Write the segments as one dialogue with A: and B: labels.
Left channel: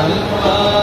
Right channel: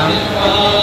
A: Amen.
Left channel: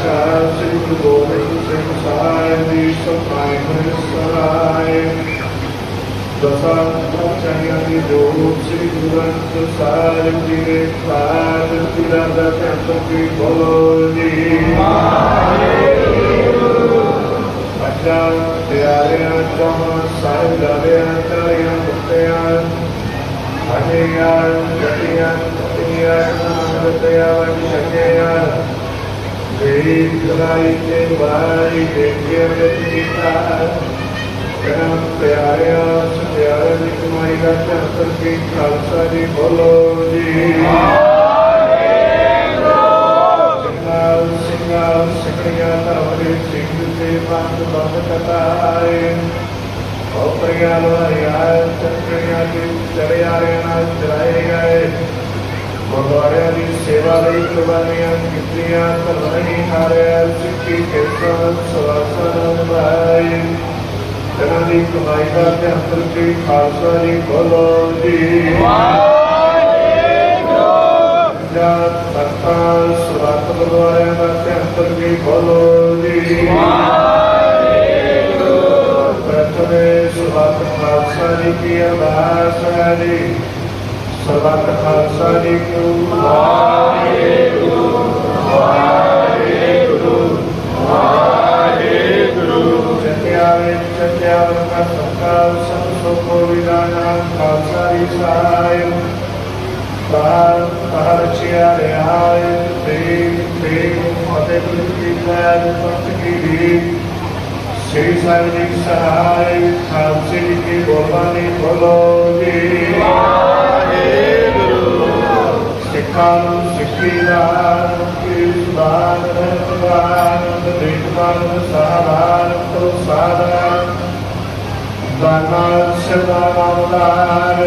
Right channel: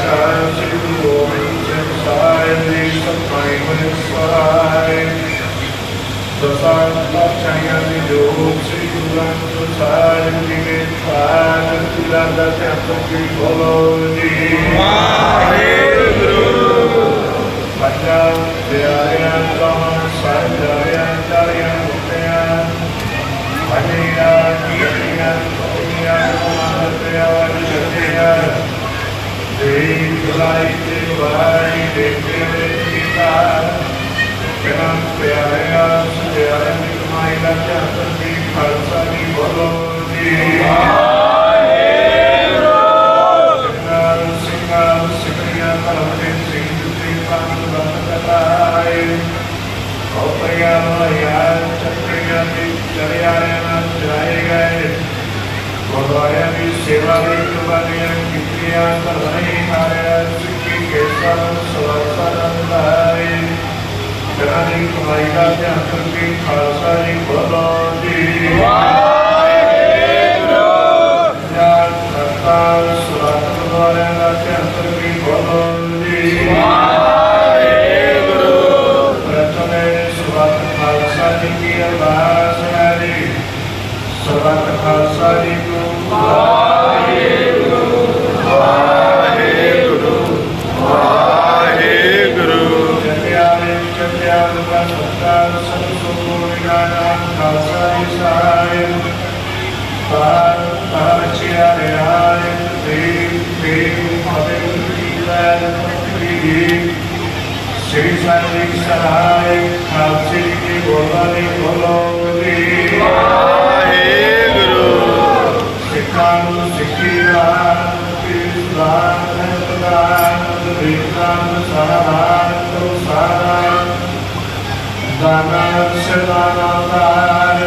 A: ਦਸਵੇਂ ਸ੍ਰੀ ਗੁਰੂ ਗੋਬਿੰਦ ਸਿੰਘ ਸਾਹਿਬ ਜੀ ਸੰਤਾਇ ਸਹਾਇ ਦਸਾਂ ਪਾਤਸ਼ਾਹਾਂ ਦੀ ਜੋਤ ਸ੍ਰੀ ਗੁਰੂ ਗ੍ਰੰਥ ਸਾਹਿਬ ਜੀ ਦੇ ਪਾਦ ਤੁਲਾ ਦਾ ਧਿਆਨ ਕੀ ਬੋਲੋ ਜੀ ਬੱਚਾ ਪਿਆਰਿਆਂ ਤੋਂ ਸਾਹਿਬ ਜਾਰਿਆਂ ਤਾਰਿਆਂ ਮੁੱਤਿਆਂ ਹਨਿਆ ਕੀਆਂ ਪਤਿਆਂ ਨਾਮ ਪਿਆਰ ਜਗਿਆ ਦੇਈ ਜਲਾਈ ਤੇ ਵਾਈ ਦੇਖੇ ਤੇ ਕੀਤਾ ਕਿਰਮ ਪਿਆਰਿਆ, ਪਿਆਰਿਆਂ ਦੀ ਕਮਾਈ ਦਾ ਧਿਆਨ ਕੀ ਖਾਲਸਾ ਦੀ ਬੋਲੋ ਜੀ। ਸਿੰਘਾਂ ਸਿੰਘਾਂ ਸਿੰਘਾਂ ਧਰਮ ਦੇ ਸਿੰਘ ਦੇ ਪੰਨ ਬੰਦ ਕਰਾਏ ਔਪਰਿਆ ਲੋਇਆ ਚੱਕਰੀਆਂ ਦੇ ਚੜਿਆਰਿਆਂ ਨਾਲ ਚਲਾਏ ਗਏ। ਗੁਰਦੁਆਰਿਆਂ ਦੀ ਸੇਵਾ ਲਈ ਕੁਰਬਾਨੀਆਂ ਕੀਤੀਆਂ ਭਲਾਈ ਹਾਰਿਆ ਸਿੱਖੀ ਕੇਸਾਂ ਨੂੰ ਸਵਾਸਾਂ ਨਾਲ ਲਾਈ ਤੇਰਾ ਦੀ ਕਮਾਈ ਦਾ ਧਿਆਨ ਕਰਕੇ ਖਾਲਸਾ ਜੀ ਬੋਲੋ ਜੀ। ਜਾਤ ਕੀ ਬੋਲਾ ਨੇ ਬੋਲੋ ਸਿੱਖਾਂ ਨੂੰ ਸਿੱਖੀ ਦਾ ਕੀ ਸੁਧਾਰ ਪ੍ਰਦਾਨ ਦੇਖਾਨ ਸਹਾਰ ਤੋਂ ਸਾਧਾਰ ਦਾਨਾ ਸਦਾਨਾਰ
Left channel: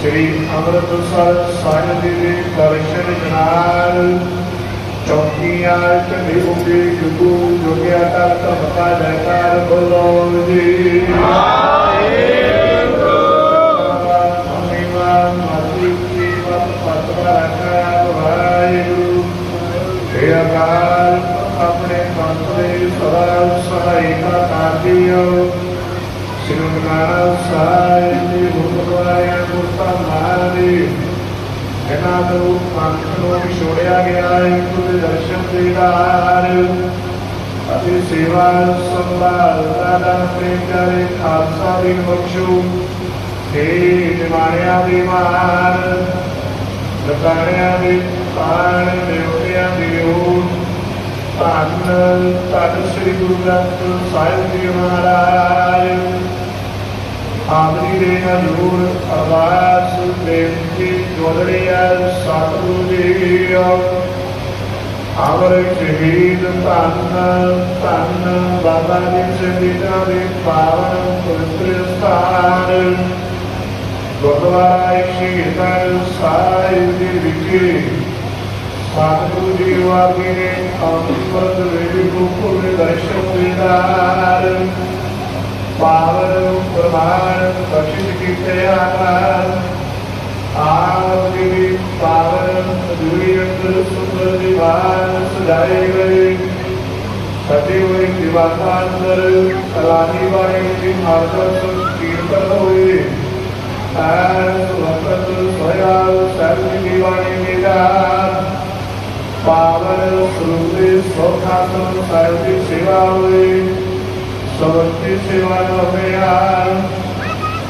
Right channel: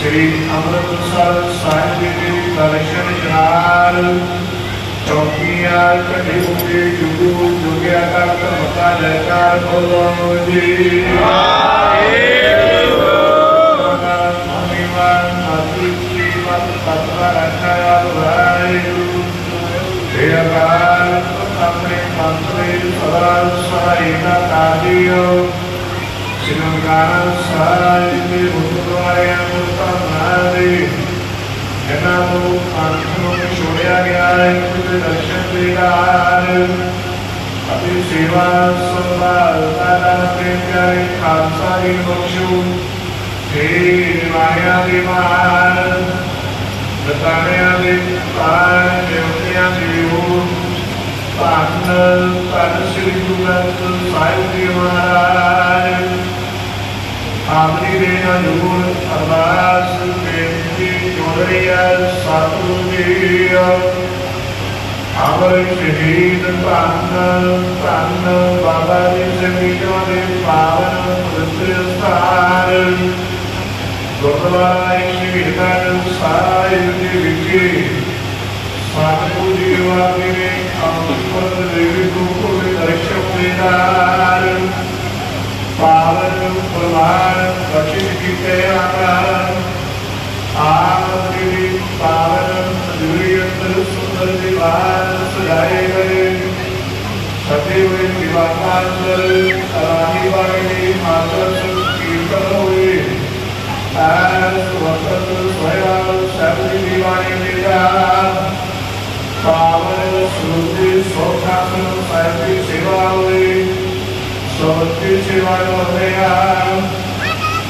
A: ਸ੍ਰੀ ਅੰਮ੍ਰਿਤਸਰ ਸਾਹਿਬ ਦੇ ਦਰਸ਼ਨ ਨਾਲ ਚੌਕੀਆਂ ਚੜੀ ਉਪੀ ਜੁਗੂ, ਜੁਗਿਆ ਕਾ ਧਮਕਾ ਲੈਕਾਰ ਬੋਲੋ ਜੀ ਮਹਿਮਾਨ ਮਾਤੀ ਕੀ ਮਤ ਪਤਵਾ ਰੱਖਿਆ ਬੁਲਾਈ ਤੇ ਅਕਾਲ ਆਪਣੇ ਮੰਤਰੀ ਸਦਾ ਸਹਾਇਤਾ ਕਾਜੀਓ ਸਿਮਰਗਾਨ ਸਾਹਿਬ ਦੇ ਗੁਰਦੁਆਰਿਆਂ ਨੂੰ ਧੰਨਾਦੇ ਇਹਨਾਂ ਨੂੰ ਪੰਥ ਨੂੰ ਛੋੜਿਆ ਗਿਆ ਹੈ, ਗੁਰੂ ਦਰਸ਼ਨ ਦੇਦਾਰ ਅਤੇ ਸੇਵਾ ਸੰਭਾਲ ਦਾ ਤੇ ਪਿਆਰੇ ਖਾਲਸਾ ਜੀ ਬਖਸ਼ੋ। ਤੇ ਨਿਵਾਰਿਆਂ ਦੀ ਮਾਨ ਲਤਾਰਿਆਂ ਦੇ ਤਾਰ ਦੇਵਤਿਆਂ ਦੀ ਉਹ ਧੰਨ ਧੰਨ ਸ੍ਰੀ ਗੁਰੂ ਗ੍ਰੰਥ ਸਾਹਿਬ ਜੀ ਮਹਾਰਾਜ। ਆਖਰੀ ਦੇ ਹਜ਼ੂਰ ਅਰਦਾਸ ਗੋਰੀਆ ਸਤਿਗੁਰੂ ਜੀ ਅਮਰ ਸ਼ਹੀਦ ਧੰਨ ਧੰਨ ਬਾਬਾ ਜੀ ਸ਼ਹੀਦਾਂ ਦੇ ਪਾਵਨ ਪਵਿੱਤਰ ਸਥਾਨ। ਗੁਰਦੁਆਰਾ ਸ਼ਹੀਦਾਂ ਸਾਹਿਬ ਦੇ ਵਿਖੇ ਸਤਿਗੁਰੂ ਜੀ ਵਾਪੀ ਨੇ ਅੰਮ੍ਰਿਤ ਦੇਵੀ ਰੂਪ ਦੇ ਦਰਸ਼ਨ ਦੀਦਾਰ ਪਾਵਨ ਪ੍ਰਮਾਣ ਬਖਸ਼ਿਸ਼ ਕੀਤੇ ਆਕਾਰ ਆਪ ਪਾਵਨ ਜੁੜੀ ਸੁੰਦਰ ਦੀਵਾਰ ਸਜਾਏ ਗਏ। ਸਜੇ ਹੋਏ ਦੀਵਾਰਾਂ ਅੰਦਰ ਕਲਾਨੀ ਮਾਤਰ ਕੀਰਤਨ ਹੋਏ। ਐਸ ਵਕਤ ਸੋਇਆ ਸਭ ਦੀ ਬਾਣੀ ਪਾਵਨ ਸੁੰਦਰ ਸੋਖਾਸਨ ਸਾਹਿਬ ਦੀ ਸੇਵਾ ਹੋਈ ਸਭਤੀ ਸੇਵਾ ਹੋਇਆ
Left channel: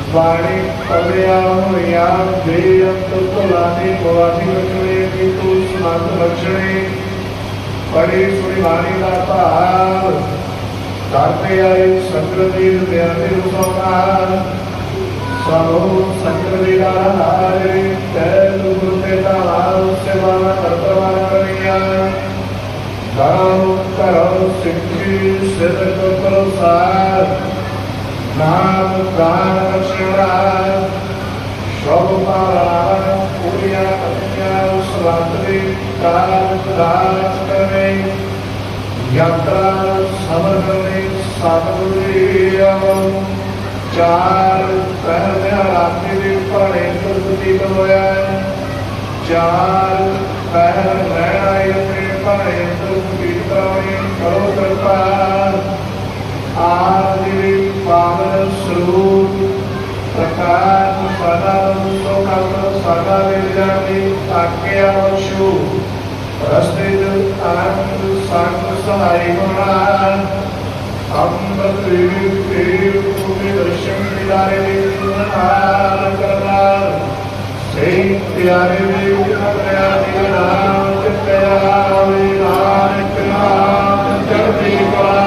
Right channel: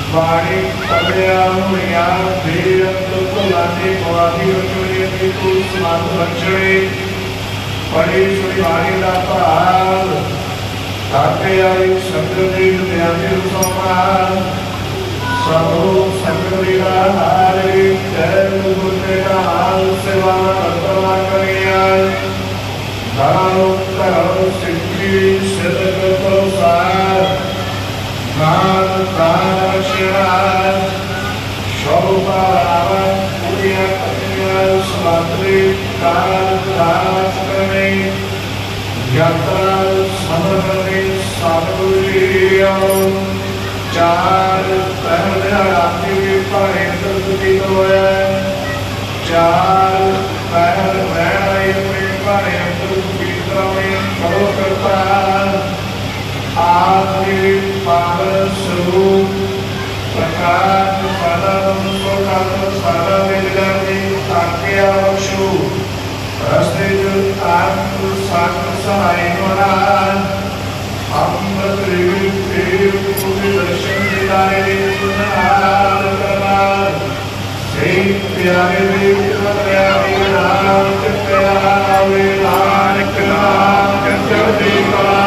A: ਬਾਣੀ ਪੜਿਆ ਹੋਇਆ ਦੇ ਅੰਤ ਭੁਲਾਨੇ ਪੁਆਧੀ ਰਚਨੇ ਕੀ ਤੂੰ ਸਮਾਨ ਰਚਣੇ ਪੜੀ ਸੁਣੀ ਬਾਣੀ ਦਾ ਭਾਵ ਤਾਤੇ ਆਈ ਸੰਗਤ ਦੇ ਧਿਆਨ ਦੇ ਰੂਪਾਂ ਸਭੋ ਸੰਗਤ ਵੀਰਾ ਹਾਰੇ ਆਖਰੀ ਪਾਵਨ ਸਰੂਪ, ਪ੍ਰਕਾਸ਼ ਪਰਮ ਸੁਖਾਤ ਸਦਾ ਵਿਦਿਆਦੇ ਤਾਕਿਆ ਵਸ਼ੂ ਰਸਤੇ ਜੋ ਆਪ ਸੰਤ ਸਹਾਈ ਮਹਾਰਾਜ। ਅੰਮ੍ਰਿਤ ਰਿਵੀ ਕੇਵ ਕੋਈ ਦਰਸ਼ਨ ਦਿਲਾਏ ਸੁਨਾਰ ਕਰਨਾਰ ਸੇ ਪਿਆਰੇ ਦੇ ਉਪਰਿਆ ਦੇ ਨਾਮ ਤੇ ਪਿਆਰਾ ਹੋਵੇ ਨਾਨਕ ਨਾਮ ਜਪਦੀ ਕਲਾ